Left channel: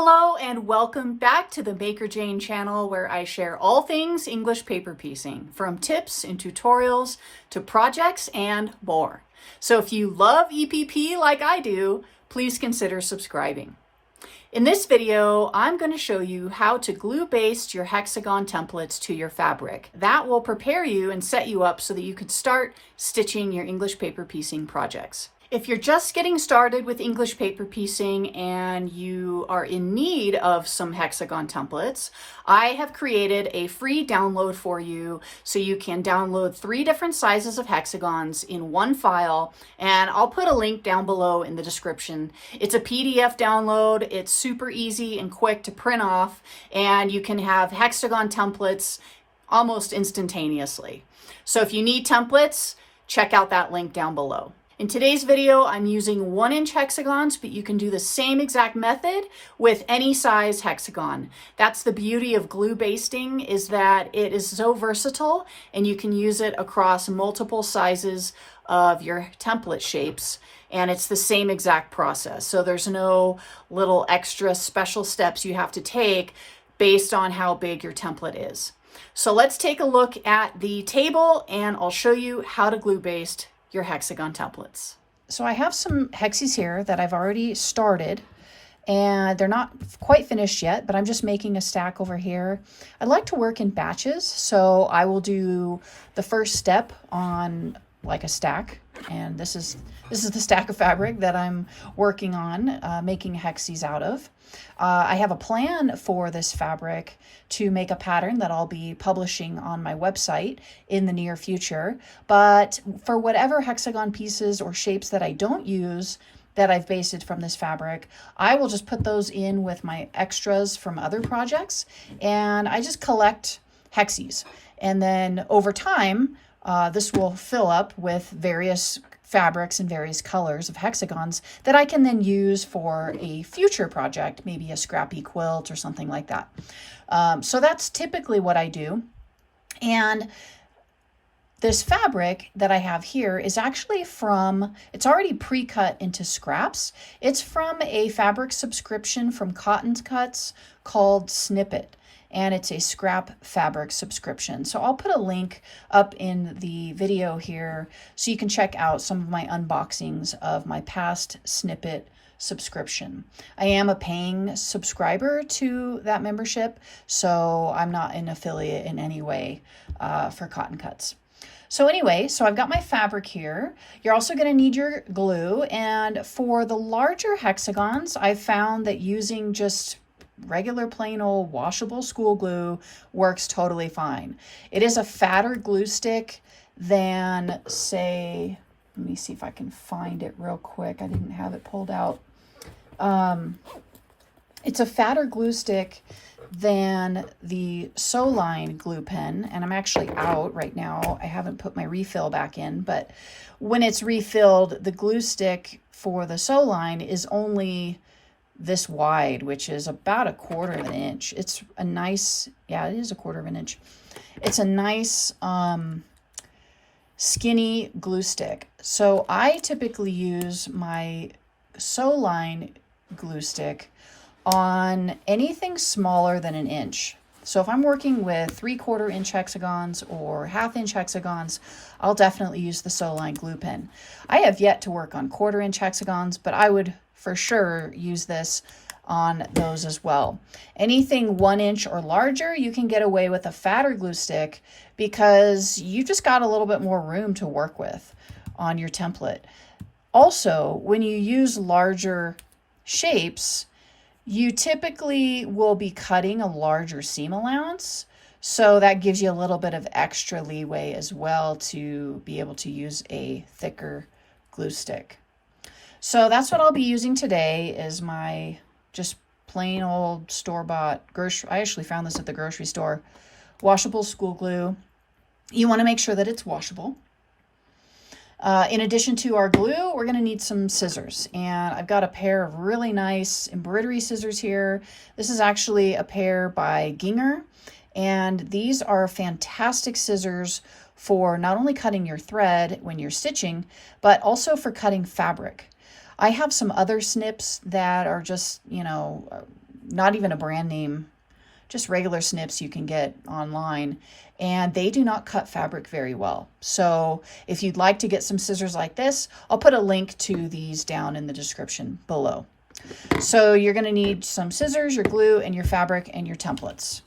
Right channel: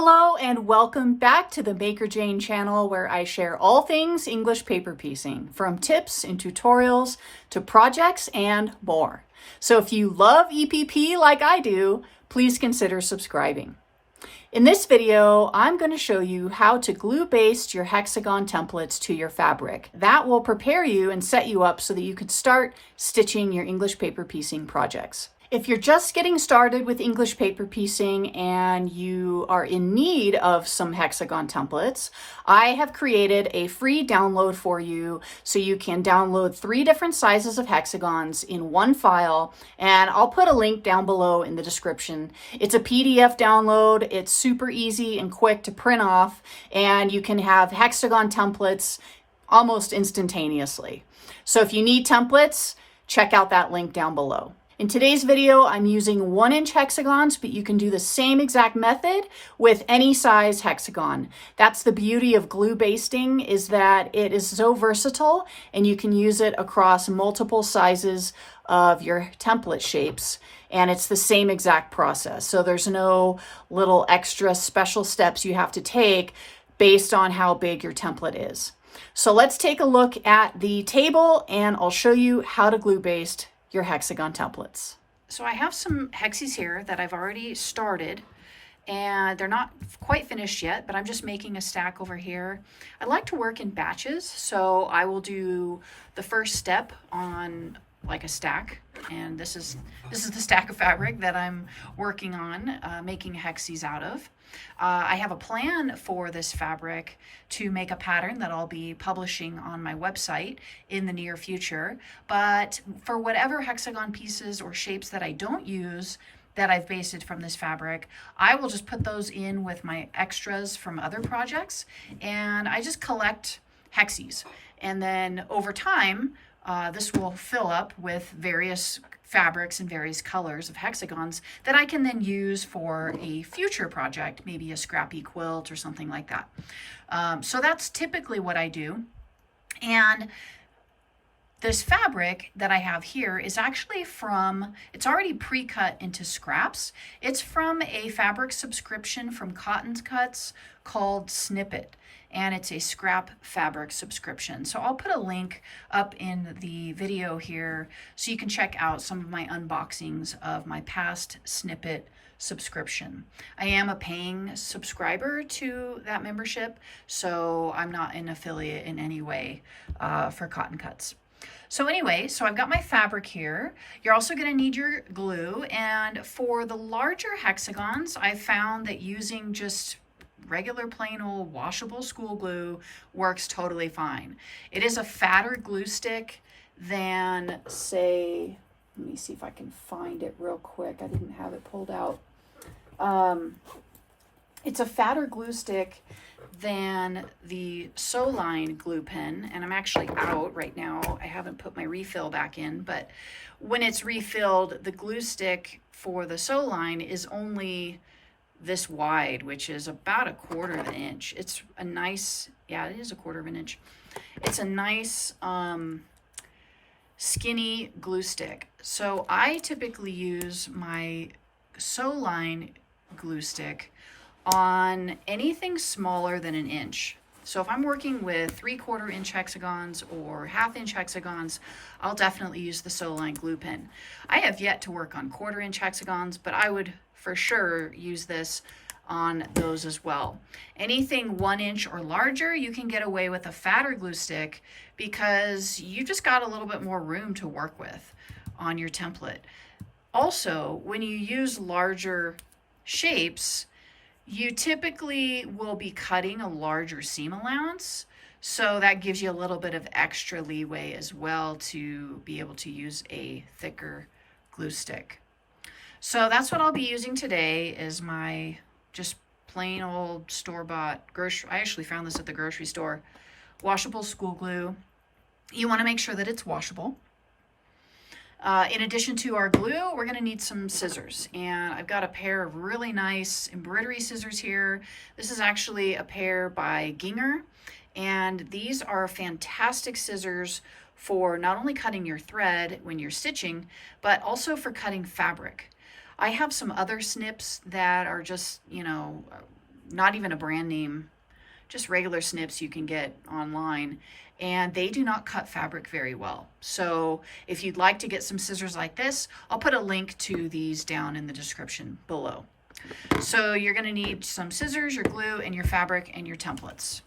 Hello and welcome back to the Maker Jane channel, where I share all things English paper piecing, from tips and tutorials to projects and more. So if you love EPP like I do, please consider subscribing. In this video, I'm going to show you how to glue baste your Hexagon templates to your fabric. That will prepare you and set you up so that you can start stitching your English paper piecing projects. If you're just getting started with English paper piecing and you are in need of some Hexagon templates, I have created a free download for you so you can download 3 different sizes of hexagons in one file, and I'll put a link down below in the description. It's a PDF download. It's super easy and quick to print off, and you can have Hexagon templates almost instantaneously. So if you need templates, check out that link down below. In today's video, I'm using 1-inch hexagons, but you can do the same exact method with any size hexagon. That's the beauty of glue basting, is that it is so versatile and you can use it across multiple sizes of your template shapes, and it's the same exact process. So there's no little extra special steps you have to take based on how big your template is. So let's take a look at the table and I'll show you how to glue baste your Hexagon templates. So I have some hexies here that I've already started, and they're not quite finished yet, but I'm just making a stack over here. I like to work in batches, so I will do the first step on like a stack, and this is the stack of fabric that I'm working on making hexies out of. I have a plan for this fabric to make a pattern that I'll be publishing on my website in the near future. But for whatever hexagon pieces or shapes that I don't use that I've basted from this fabric, I will just put those in with my extras from other projects, and I just collect hexies. And then over time, this will fill up with various fabrics and various colors of hexagons that I can then use for a future project, maybe a scrappy quilt or something like that. So that's typically what I do. And this fabric that I have here is actually from, it's already pre-cut into scraps. It's from a fabric subscription from Cotton Cuts called Snippet, and it's a scrap fabric subscription. So I'll put a link up in the video here so you can check out some of my unboxings of my past Snippet subscription. I am a paying subscriber to that membership, so I'm not an affiliate in any way for Cotton Cuts. So anyway, so I've got my fabric here. You're also going to need your glue, and for the larger hexagons, I've found that using just regular plain old washable school glue works totally fine. It is a fatter glue stick than, say, let me see if I can find it real quick. I didn't have it pulled out. It's a fatter glue stick than the Soline glue pen, and I'm actually out right now. I haven't put my refill back in, but when it's refilled, the glue stick for the Soline is only this wide, which is about 1/4 inch. It's a nice, yeah, it is 1/4 inch. It's a nice skinny glue stick. So I typically use my Soline glue stick on anything smaller than 1 inch. So if I'm working with 3/4 inch hexagons or 1/2 inch hexagons, I'll definitely use the Soline glue pen. I have yet to work on 1/4 inch hexagons, but I would for sure use this on those as well. Anything 1 inch or larger, you can get away with a fatter glue stick because you just got a little bit more room to work with on your template. Also, when you use larger shapes, you typically will be cutting a larger seam allowance, so that gives you a little bit of extra leeway as well to be able to use a thicker glue stick. So that's what I'll be using today, is my just plain old store-bought, I actually found this at the grocery store, washable school glue. You want to make sure that it's washable. In addition to our glue, we're going to need some scissors, and I've got a pair of really nice embroidery scissors here. This is actually a pair by Ginger, and these are fantastic scissors for not only cutting your thread when you're stitching, but also for cutting fabric. I have some other snips that are just, you know, not even a brand name, just regular snips you can get online, and they do not cut fabric very well. So if you'd like to get some scissors like this, I'll put a link to these down in the description below. So you're going to need some scissors, your glue, and your fabric and your templates.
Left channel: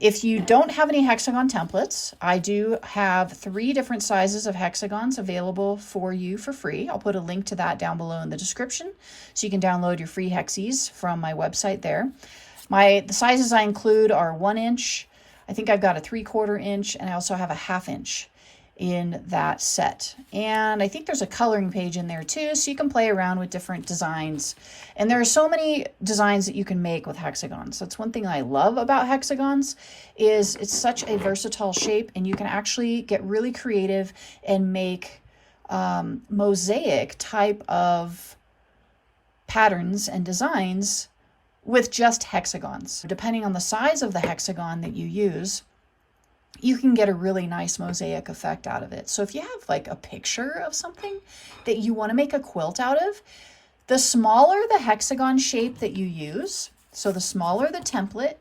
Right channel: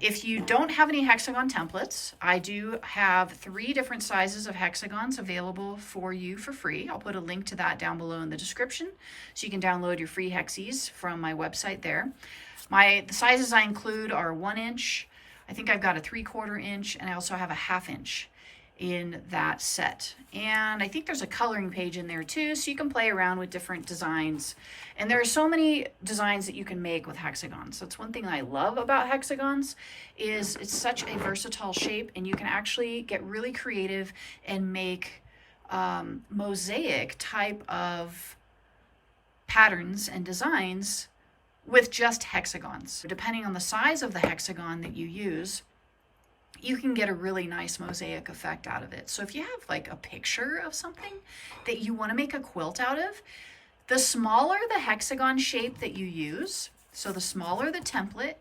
If you don't have any Hexagon templates, I do have 3 different sizes of hexagons available for you for free. I'll put a link to that down below in the description, so you can download your free hexies from my website there. The sizes I include are 1 inch, I think I've got a 3/4 inch, and I also have a 1/2 inch in that set. And I think there's a coloring page in there too, so you can play around with different designs. And there are so many designs that you can make with hexagons. That's one thing I love about hexagons, is it's such a versatile shape, and you can actually get really creative and make mosaic type of patterns and designs with just hexagons. Depending on the size of the hexagon that you use, you can get a really nice mosaic effect out of it. So if you have like a picture of something that you want to make a quilt out of, the smaller the hexagon shape that you use, so the smaller the template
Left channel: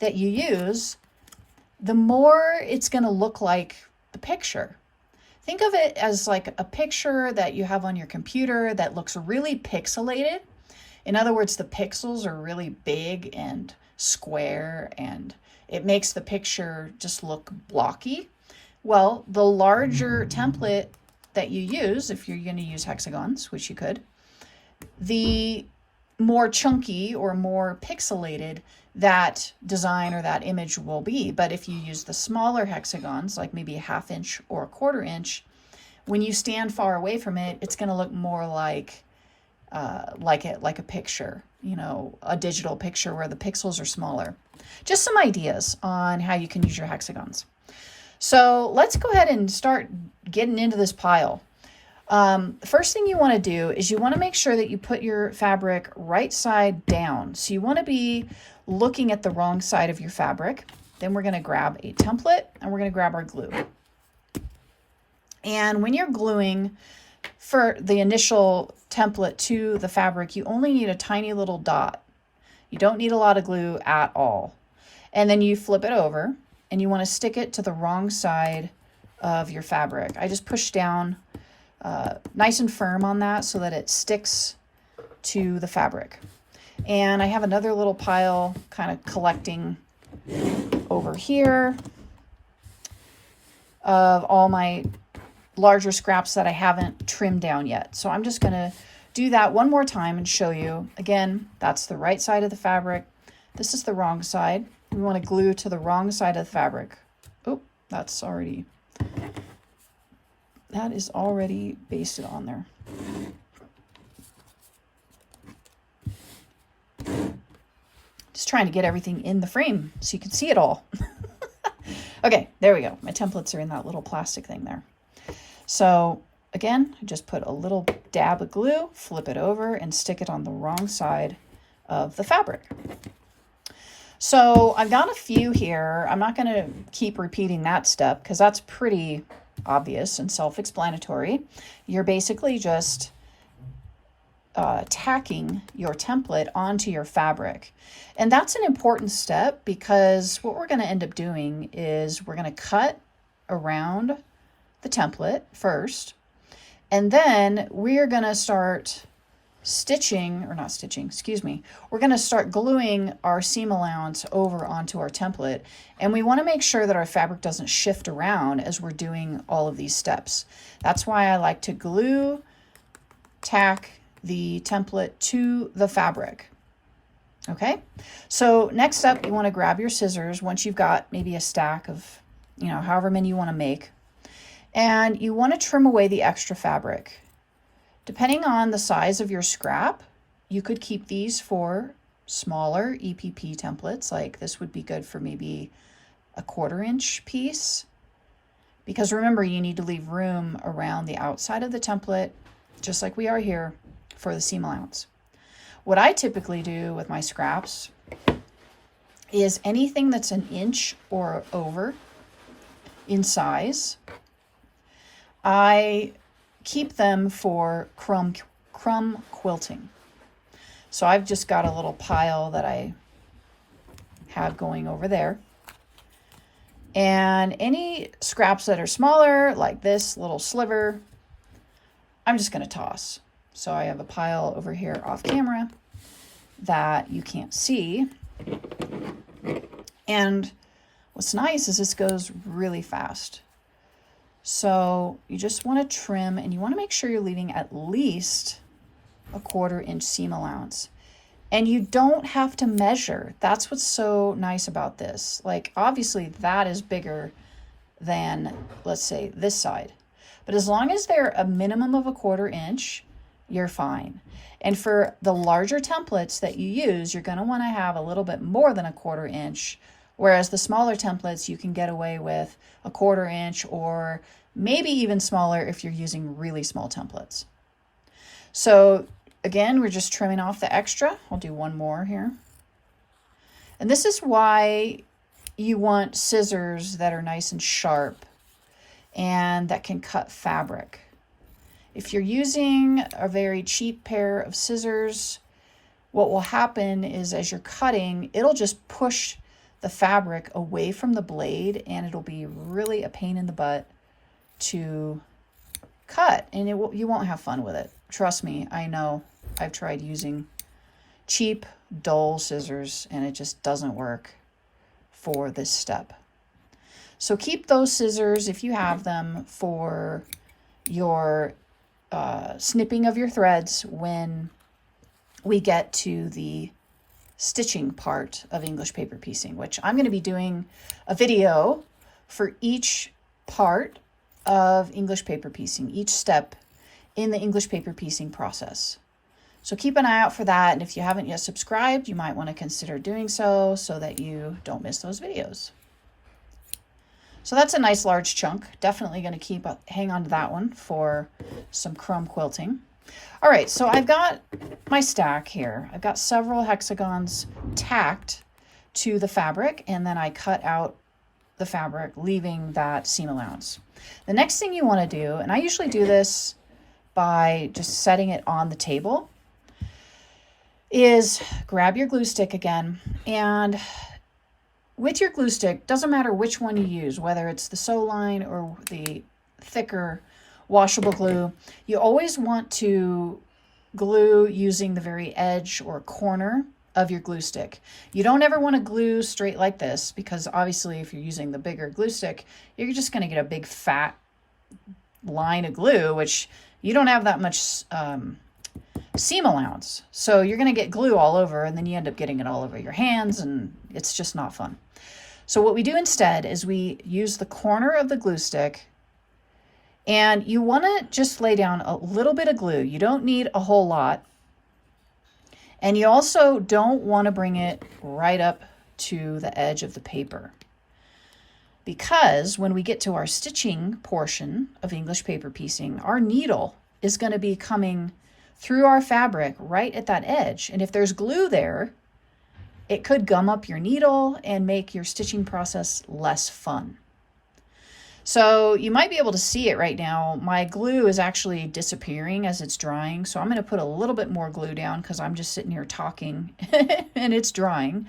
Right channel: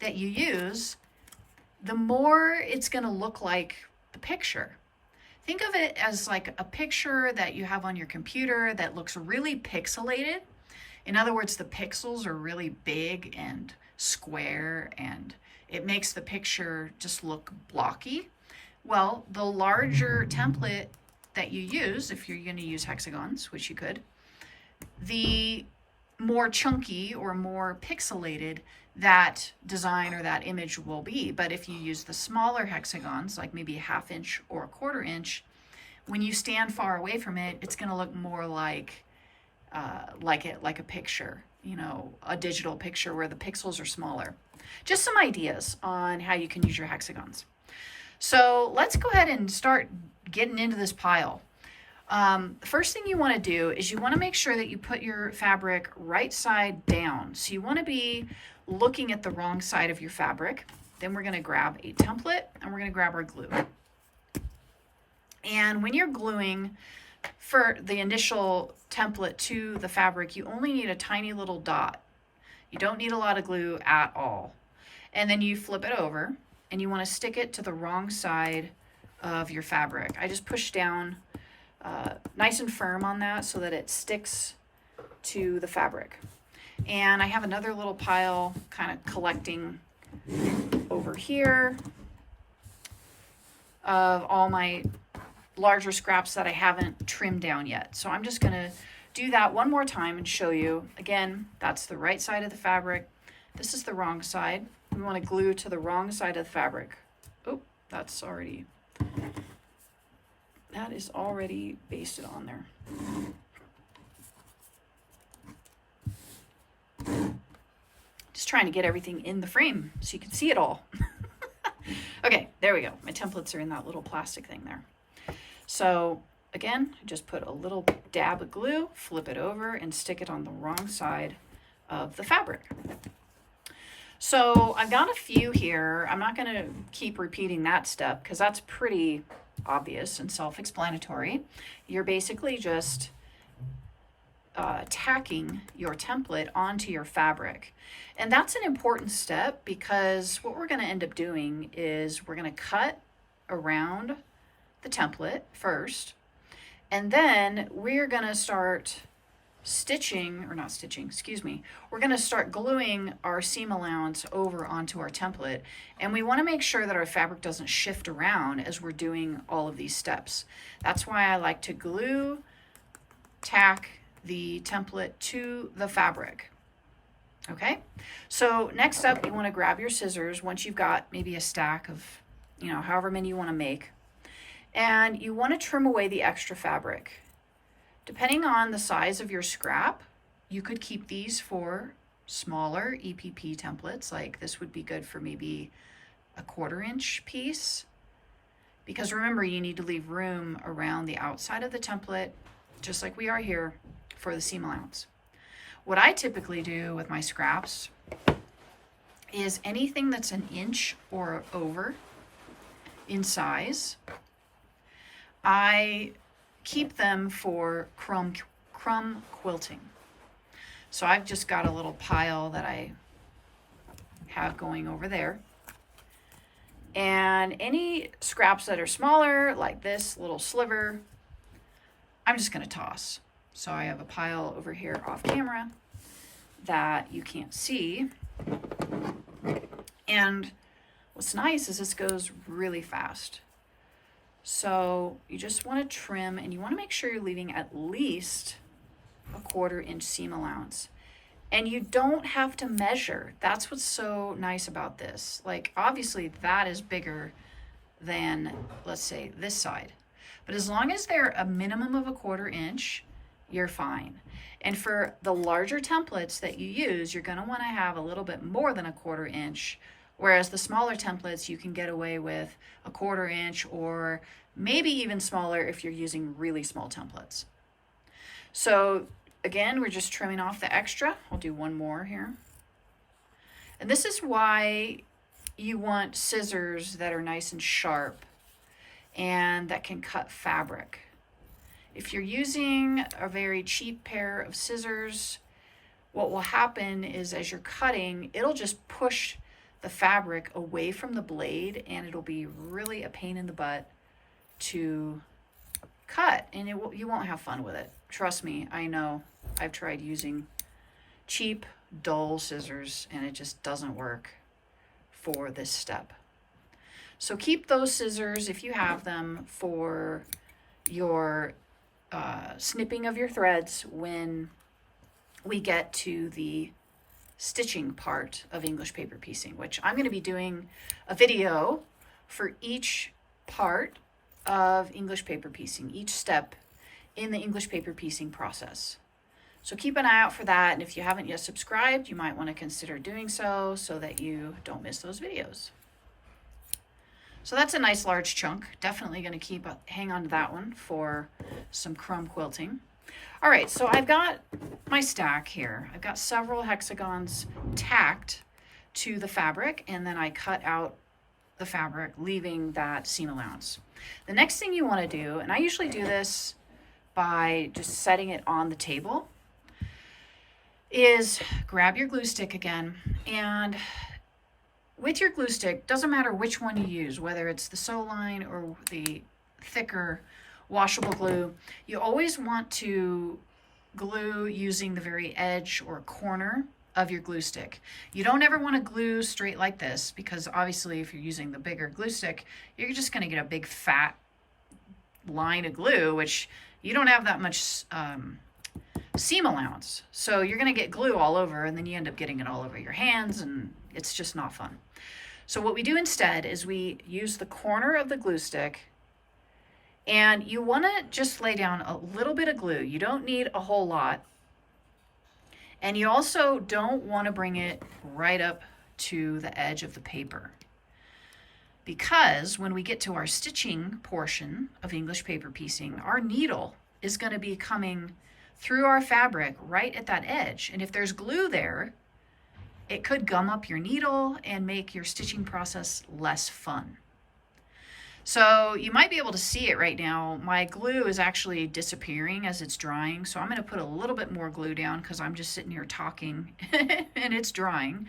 that you use, the more it's going to look like the picture. Think of it as like a picture that you have on your computer that looks really pixelated. In other words, the pixels are really big and square, and it makes the picture just look blocky. Well, the larger template that you use, if you're going to use hexagons, which you could, the more chunky or more pixelated that design or that image will be. But if you use the smaller hexagons, like maybe a 1/2 inch or a 1/4 inch, when you stand far away from it, it's going to look more like a picture, you know, a digital picture where the pixels are smaller. Just some ideas on how you can use your hexagons. So let's go ahead and start getting into this pile. The first thing you want to do is you want to make sure that you put your fabric right side down. So you want to be looking at the wrong side of your fabric. Then we're going to grab a template and we're going to grab our glue. And when you're gluing for the initial template to the fabric, you only need a tiny little dot. You don't need a lot of glue at all. And then you flip it over and you want to stick it to the wrong side of your fabric. I just push down nice and firm on that so that it sticks to the fabric. And I have another little pile kind of collecting over here of all my larger scraps that I haven't trimmed down yet. So I'm just going to do that one more time and show you. Again, that's the right side of the fabric. This is the wrong side. We want to glue to the wrong side of the fabric. Oh, that is already basted on there. Just trying to get everything in the frame so you can see it all. Okay, there we go. My templates are in that little plastic thing there. So again, just put a little dab of glue, flip it over, and stick it on the wrong side of the fabric. So I've got a few here. I'm not going to keep repeating that step because that's pretty obvious and self-explanatory. You're basically just tacking your template onto your fabric. And that's an important step because what we're going to end up doing is we're going to cut around the template first, and then we're going to start we're going to start gluing our seam allowance over onto our template, and we want to make sure that our fabric doesn't shift around as we're doing all of these steps. That's why I like to glue, tack the template to the fabric. Okay, so next up, you want to grab your scissors once you've got maybe a stack of, you know, however many you want to make, and you want to trim away the extra fabric. Depending on the size of your scrap, you could keep these for smaller EPP templates. Like this would be good for maybe a 1/4 inch piece, because remember, you need to leave room around the outside of the template, just like we are here, for the seam allowance. What I typically do with my scraps is anything that's 1 inch or over in size, I keep them for crumb quilting. So I've just got a little pile that I have going over there. And any scraps that are smaller, like this little sliver, I'm just going to toss. So I have a pile over here off camera that you can't see. And what's nice is this goes really fast. So you just want to trim, and you want to make sure you're leaving at least a 1/4 inch seam allowance. And you don't have to measure. That's what's so nice about this. Like, obviously that is bigger than, let's say, this side. But as long as they're a minimum of a 1/4 inch, you're fine. And for the larger templates that you use, you're going to want to have a little bit more than a 1/4 inch. Whereas the smaller templates, you can get away with a 1/4 inch, or maybe even smaller if you're using really small templates. So again, we're just trimming off the extra. I'll do one more here. And this is why you want scissors that are nice and sharp and that can cut fabric. If you're using a very cheap pair of scissors, what will happen is as you're cutting, it'll just push the fabric away from the blade, and it'll be really a pain in the butt to cut, and you won't have fun with it. Trust me, I know. I've tried using cheap, dull scissors, and it just doesn't work for this step. So keep those scissors, if you have them, for your snipping of your threads when we get to the stitching part of English paper piecing, which I'm going to be doing a video for each part of English paper piecing, each step in the English paper piecing process. So keep an eye out for that, and if you haven't yet subscribed, you might want to consider doing so that you don't miss those videos. So that's a nice large chunk. Definitely going to hang on to that one for some crumb quilting. All right, so I've got my stack here. I've got several hexagons tacked to the fabric, and then I cut out the fabric, leaving that seam allowance. The next thing you want to do, and I usually do this by just setting it on the table, is grab your glue stick again, and with your glue stick, doesn't matter which one you use, whether it's the sew line or the thicker washable glue, you always want to glue using the very edge or corner of your glue stick. You don't ever want to glue straight like this, because obviously if you're using the bigger glue stick, you're just going to get a big fat line of glue, which you don't have that much seam allowance. So you're going to get glue all over, and then you end up getting it all over your hands, and it's just not fun. So what we do instead is we use the corner of the glue stick, and you want to just lay down a little bit of glue. You don't need a whole lot. And you also don't want to bring it right up to the edge of the paper, because when we get to our stitching portion of English paper piecing, our needle is going to be coming through our fabric right at that edge. And if there's glue there, it could gum up your needle and make your stitching process less fun. So you might be able to see it right now. My glue is actually disappearing as it's drying. So I'm going to put a little bit more glue down because I'm just sitting here talking and it's drying.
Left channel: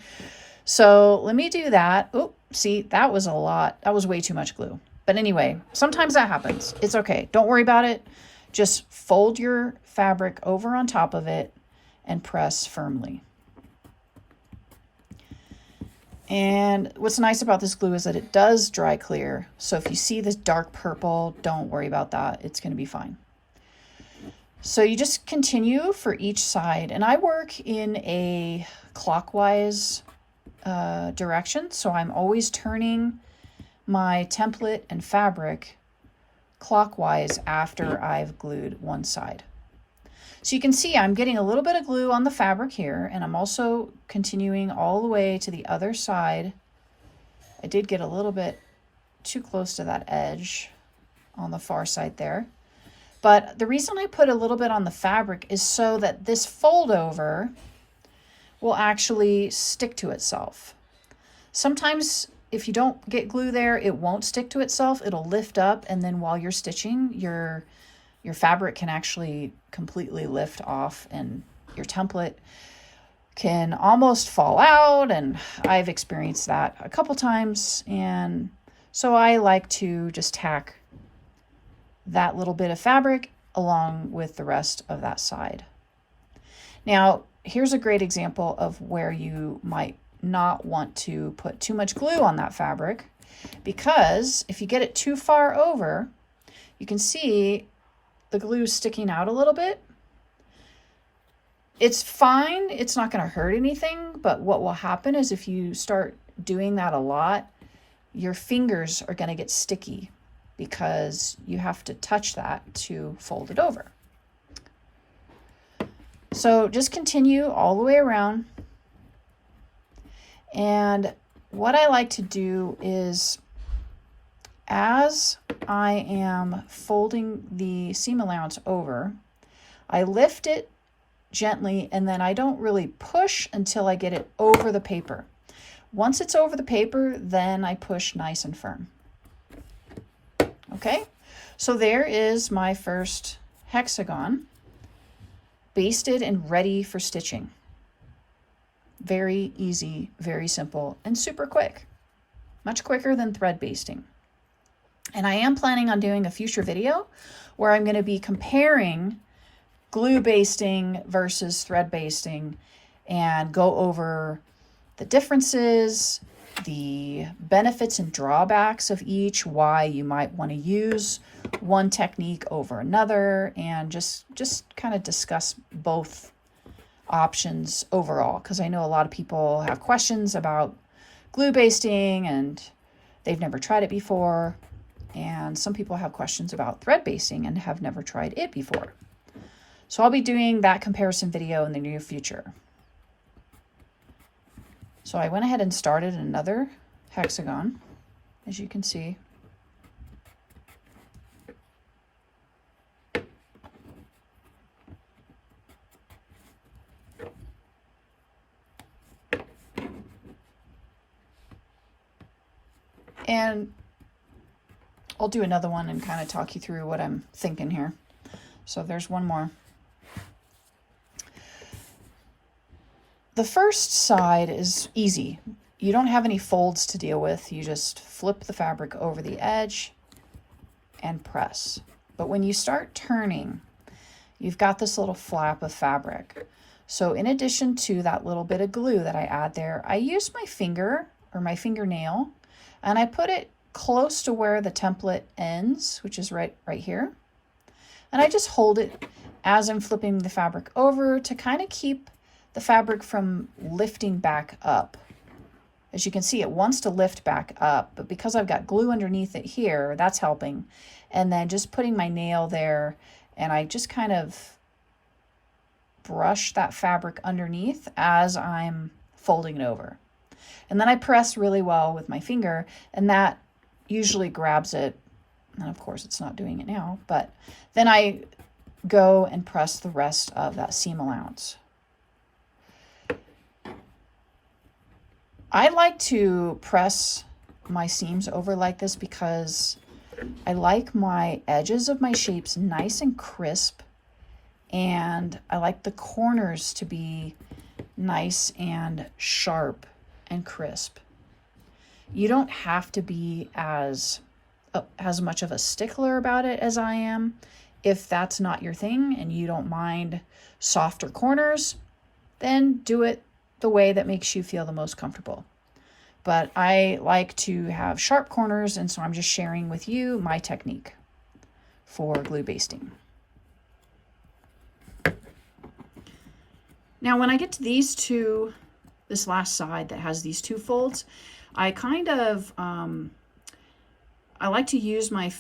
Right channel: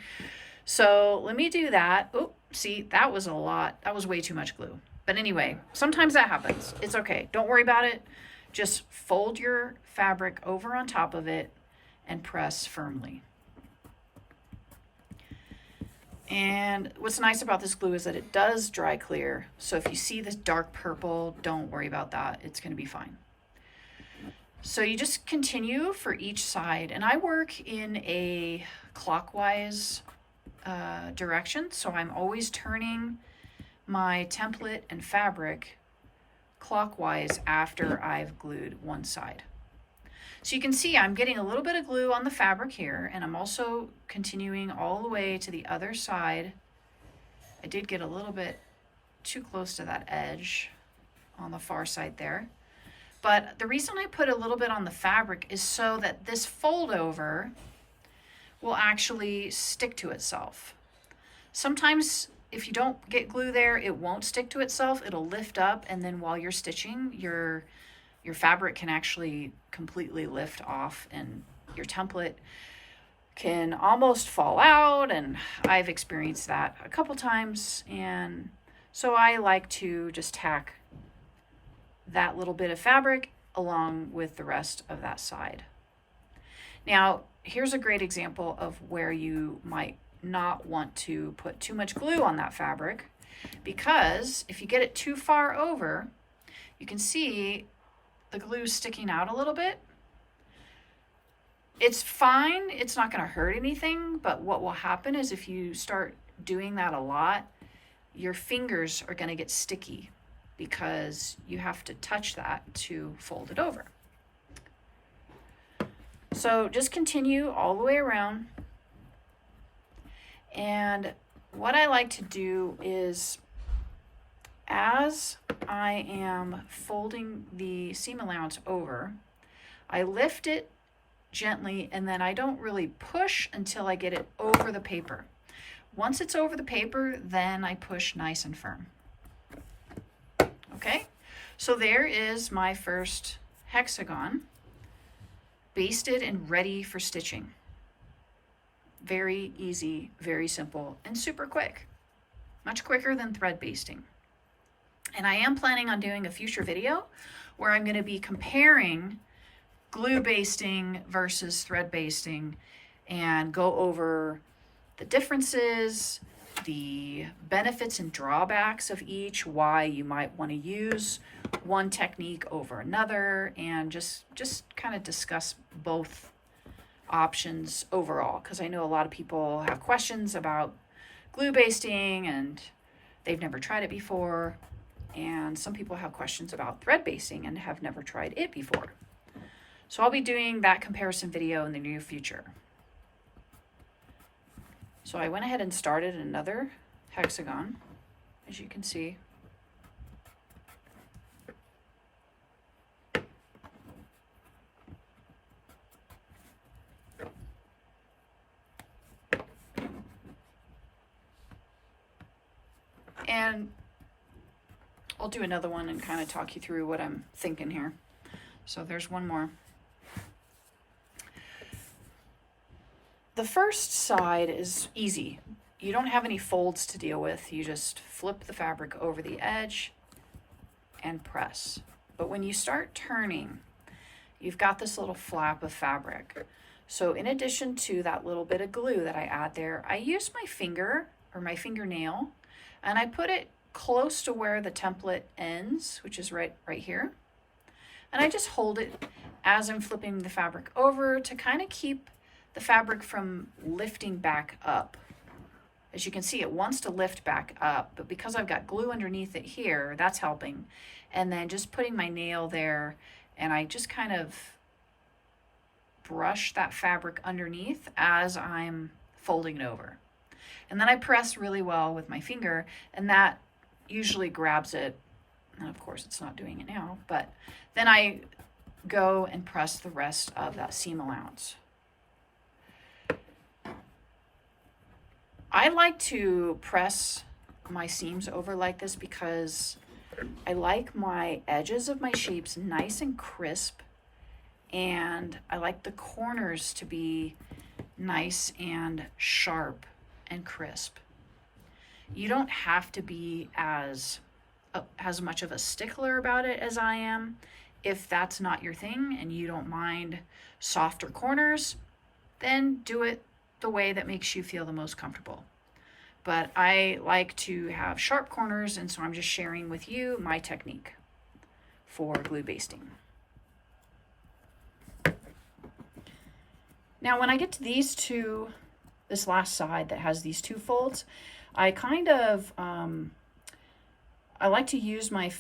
So let me do that. Oh, see, that was a lot. That was way too much glue. But anyway, sometimes that happens. It's okay. Don't worry about it. Just fold your fabric over on top of it and press firmly. And what's nice about this glue is that it does dry clear. So if you see this dark purple, don't worry about that. It's going to be fine. So you just continue for each side. And I work in a clockwise direction. So I'm always turning my template and fabric clockwise after I've glued one side. So you can see I'm getting a little bit of glue on the fabric here, and I'm also continuing all the way to the other side. I did get a little bit too close to that edge on the far side there. But the reason I put a little bit on the fabric is so that this fold over will actually stick to itself. Sometimes if you don't get glue there, it won't stick to itself. It'll lift up, and then while you're stitching, your fabric can actually completely lift off, and your template can almost fall out, and I've experienced that a couple times, and so I like to just tack that little bit of fabric along with the rest of that side. Now, here's a great example of where you might not want to put too much glue on that fabric, because if you get it too far over, you can see the glue sticking out a little bit. It's fine, it's not going to hurt anything, but what will happen is if you start doing that a lot, your fingers are going to get sticky because you have to touch that to fold it over. So just continue all the way around. And what I like to do is, as I am folding the seam allowance over, I lift it gently, and then I don't really push until I get it over the paper. Once it's over the paper, then I push nice and firm. Okay, so there is my first hexagon, basted and ready for stitching. Very easy, very simple, and super quick. Much quicker than thread basting. And I am planning on doing a future video where I'm going to be comparing glue basting versus thread basting and go over the differences, the benefits and drawbacks of each, why you might want to use one technique over another, and just kind of discuss both options overall, because I know a lot of people have questions about glue basting and they've never tried it before, and some people have questions about thread basting and have never tried it before. So I'll be doing that comparison video in the near future. So I went ahead and started another hexagon, as you can see. And I'll do another one and kind of talk you through what I'm thinking here. So there's one more. The first side is easy. You don't have any folds to deal with. You just flip the fabric over the edge and press. But when you start turning, you've got this little flap of fabric. So in addition to that little bit of glue that I add there, I use my finger or my fingernail, and I put it close to where the template ends, which is right here. And I just hold it as I'm flipping the fabric over to kind of keep the fabric from lifting back up. As you can see, it wants to lift back up, but because I've got glue underneath it here, that's helping. And then just putting my nail there, and I just kind of brush that fabric underneath as I'm folding it over. And then I press really well with my finger, and that usually grabs it. And of course it's not doing it now, but then I go and press the rest of that seam allowance. I like to press my seams over like this because I like my edges of my shapes nice and crisp, and I like the corners to be nice and sharp and crisp. You don't have to be as much of a stickler about it as I am. If that's not your thing and you don't mind softer corners, then do it the way that makes you feel the most comfortable. But I like to have sharp corners, and so I'm just sharing with you my technique for glue basting. Now when I get to these two, this last side that has these two folds, I kind of, I like to use my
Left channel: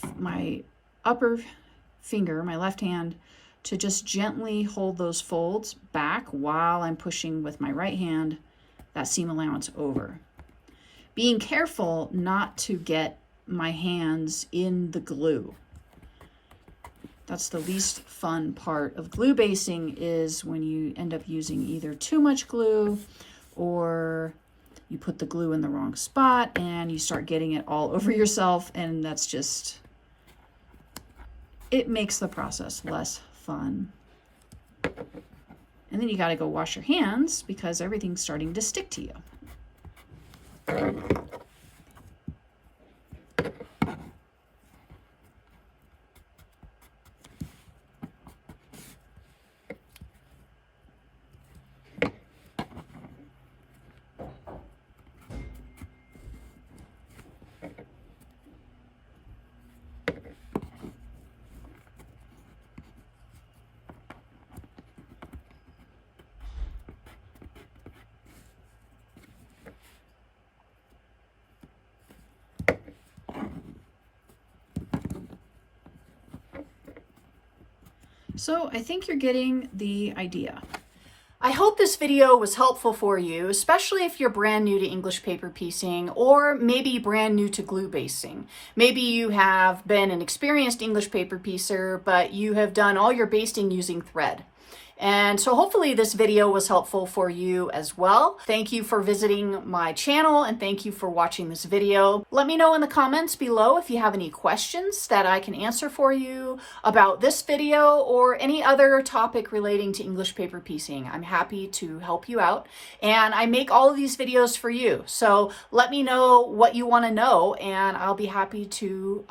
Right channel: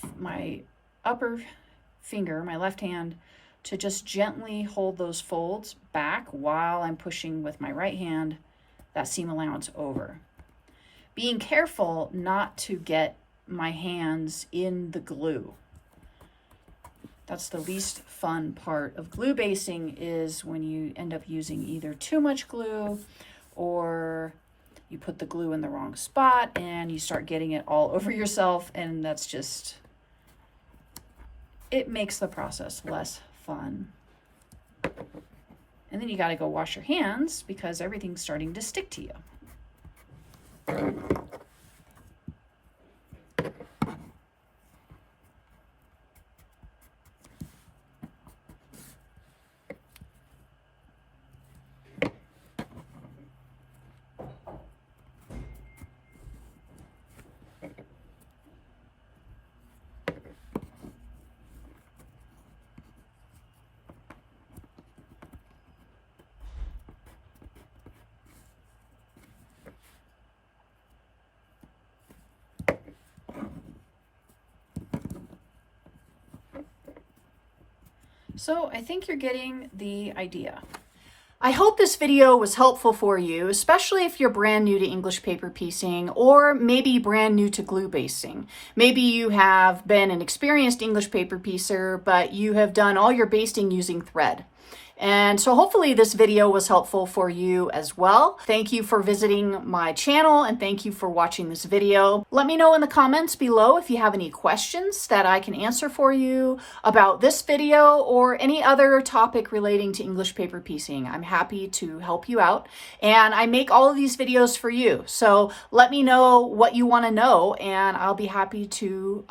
upper finger, my left hand, to just gently hold those folds back while I'm pushing with my right hand that seam allowance over. Being careful not to get my hands in the glue. That's the least fun part of glue basting, is when you end up using either too much glue or you put the glue in the wrong spot and you start getting it all over yourself, and that's just, it makes the process less fun. And then you got to go wash your hands because everything's starting to stick to you. So I think you're getting the idea. I hope this video was helpful for you, especially if you're brand new to English paper piecing or maybe brand new to glue basting. Maybe you have been an experienced English paper piecer, but you have done all your basting using thread. And so hopefully this video was helpful for you as well. Thank you for visiting my channel and thank you for watching this video. Let me know in the comments below if you have any questions that I can answer for you about this video or any other topic relating to English paper piecing. I'm happy to help you out, and I make all of these videos for you. So let me know what you want to know and I'll be happy to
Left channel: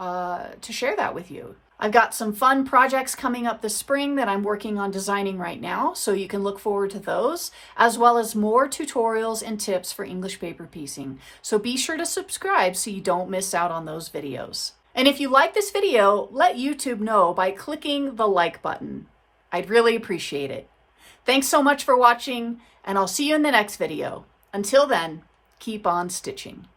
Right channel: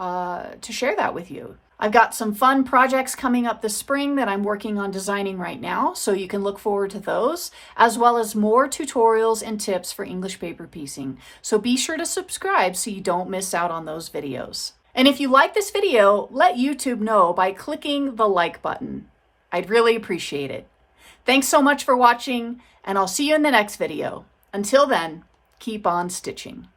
share that with you. I've got some fun projects coming up this spring that I'm working on designing right now, so you can look forward to those, as well as more tutorials and tips for English paper piecing. So be sure to subscribe so you don't miss out on those videos. And if you like this video, let YouTube know by clicking the like button. I'd really appreciate it. Thanks so much for watching, and I'll see you in the next video. Until then, keep on stitching.